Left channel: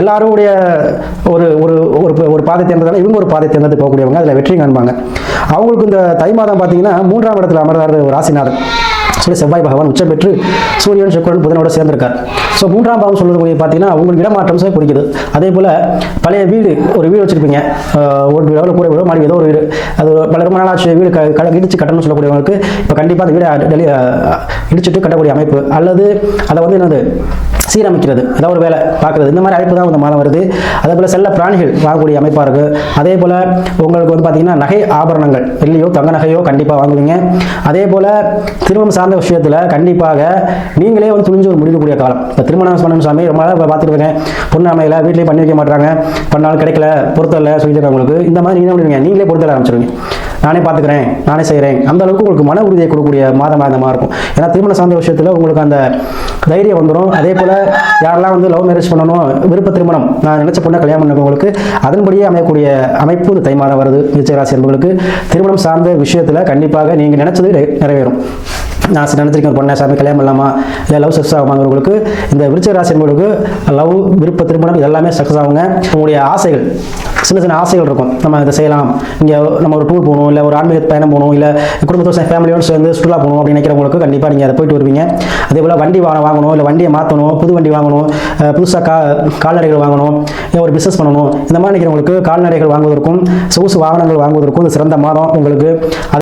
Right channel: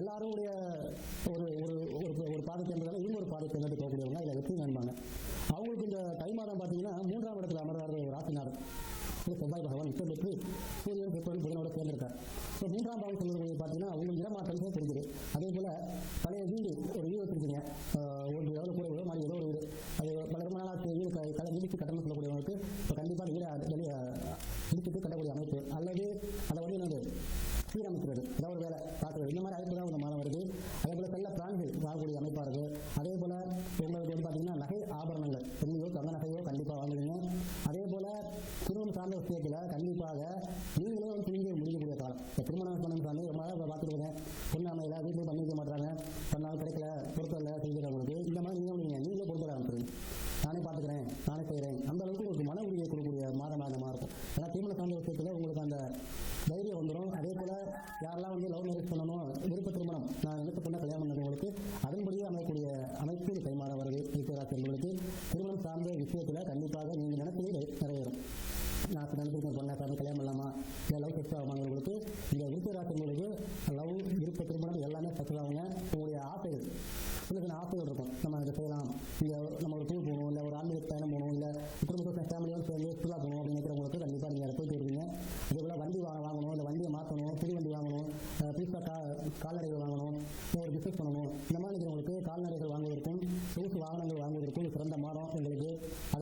எல்லாருடைய ஒரு ஒரு ஒரு ஒரு பாதை தேர்ந்ததால் இவங்க ஒரு பாதை தேர்ந்தெடுத்து போகக்கூடியவங்க அதில் வெற்றி காண்பாங்க. அவங்களுக்கு இந்த தை மாதம் பார்த்தீங்கன்னா மூன்றாம் இடத்துல அமர்றாரு ஒரு ராசிநாதன் சொல்லி செவ்வாய் பகவான் உச்சம் பெற்று சூரியன் சுக்கரன் புதனோட சேர்ந்திருக்கார். ஸோ மூன்றாம் பாவம் சொல்கிறது பார்த்தீங்கன்னா உங்களுக்கு இடமாற்றம் சார் குறிக்குது அதே போல் பழைய வீடு ஒரு வீடு வச்சிருப்பீங்க. ஒரு ஓட்டு கூட இல்லை வீடோ மாடி ஏதோ ஒரு வீடு. அது பல ரொம்ப நாளாச்சு வீடு க கடை இடிச்சு கட்டணும்னு சொல்லக்கூடியவங்களுக்கு இப்போ கண்டிப்பாக அந்த வீடை டெலி இடிச்சிட்டு கட்டக்கூடிய அமைப்பு. அல்லது அதை வந்து என்னது சீரமைக்கிறது. அதாவது ஒரு வேலை பார்க்குறது. இந்த மாதிரி அமைப்பு தான் இந்த மாதம் வருது. அதே போல் செல்ல பிராணிகள் வாங்கக்கூடிய அமைப்பாக இருக்குது அதே போல் உங்களுக்கு வந்து பார்த்தீங்கன்னா நகை ஆபரணங்கள் வெள்ளியோ தங்க நகையோ கண்டிப்பாக வாங்குவீங்க. அதே போல் திருமணம் சார்ந்த விஷயத்தில் கண்டிப்பாக நீங்களே வந்து துணிஞ்சு ஒரு முடிக்கக்கூடிய காலம். இப்போ திருமணம் பண்ணணும் சாமி ரொம்ப நாளாக பார்த்துட்டு இருக்கேன். பொண்ணு அமையல வீட்லேயே பண்ணி வைக்க மாட்டாங்க பண்ணாலும் கிடைக்கல பொருத்தல சொல்லியிருக்காங்க இந்த மாதிரி நீங்கள் என்ன பண்ணுவீங்க நீங்களே பொருத்தல ஆரம்பிச்சிருவீங்க. நானே பார்த்துக்கிறேன் நானே செய்கிறேன். அந்த அளவுக்கு உங்களுக்கு மன உறுதியை கொடுக்கக்கூடிய மாதமாக இருக்கும். ஏன்னா திருமண சார்ந்த விஷயத்தில் உங்களுக்கு அந்த தைரியம் வந்துடும் அதே போல் யாரெல்லாம் வந்து லவ் மேரேஜ் பண்ணணும் விருப்ப திருமணம் நான் நினைச்ச பொண்ணை கல்யாணம் பண்ணவங்களுக்கு அதன்படியே அமையக்கூடிய அமைப்பு இந்த தை மாதம் வருது. நிச்சயராசி என்பவர்களுக்கு திருமணம் சார்ந்த விஷயத்தில் கண்டிப்பாக நீங்கள் நினைச்சது நிறைவேறும். நான் சரி நினைச்சிருக்கேன் ஒரு பொண்ணை சாமி கல்யாணம் பண்ணலாமா? இல்லை லவ் சக்ஸஸ் ஆகுமாங்கிறவங்களுக்கு இந்த விருச்ச ராசி என்பவர்களுக்கு லவ் விருப்ப திருமணம் இதெல்லாமே சக்ஸஸ் ஆகுங்க. உங்களுடைய ஆசைகள் சின்ன சின்ன ஆசைகள் இருக்கும். நம்ம இதை செய்யலாம். இங்கே நம்ம ஒரு டூர் போகணும் இல்லை ஒரு ஆன்மீக பயணம் போகணும் இல்லை குடும்பத்தோட ஃபேமிலியோடு சேர்ந்து சுற்றுலா போகணும் அப்படின்னு நினைக்கிறவங்களுக்கு கண்டிப்பாக நீங்கள் அதை போயிட்டு வருவீங்க. அதே போல் வண்டி வாங்க வாங்கணும் இல்லை வண்டியை மாற்றணும் புது வண்டி வாங்கணும் புதுசாக கா கால்நடைகள் வாங்கணும் இல்லை ஒரு பிஸ்னஸ் பண்ணணும். இந்த மாதிரி நினைக்கிறவங்களுக்கு கால்நடைகள் வாங்குவதற்கும் சொகுசு வாகனங்கள் வாங்குவதற்கும் சிறந்த மாதம் உங்களுக்கு.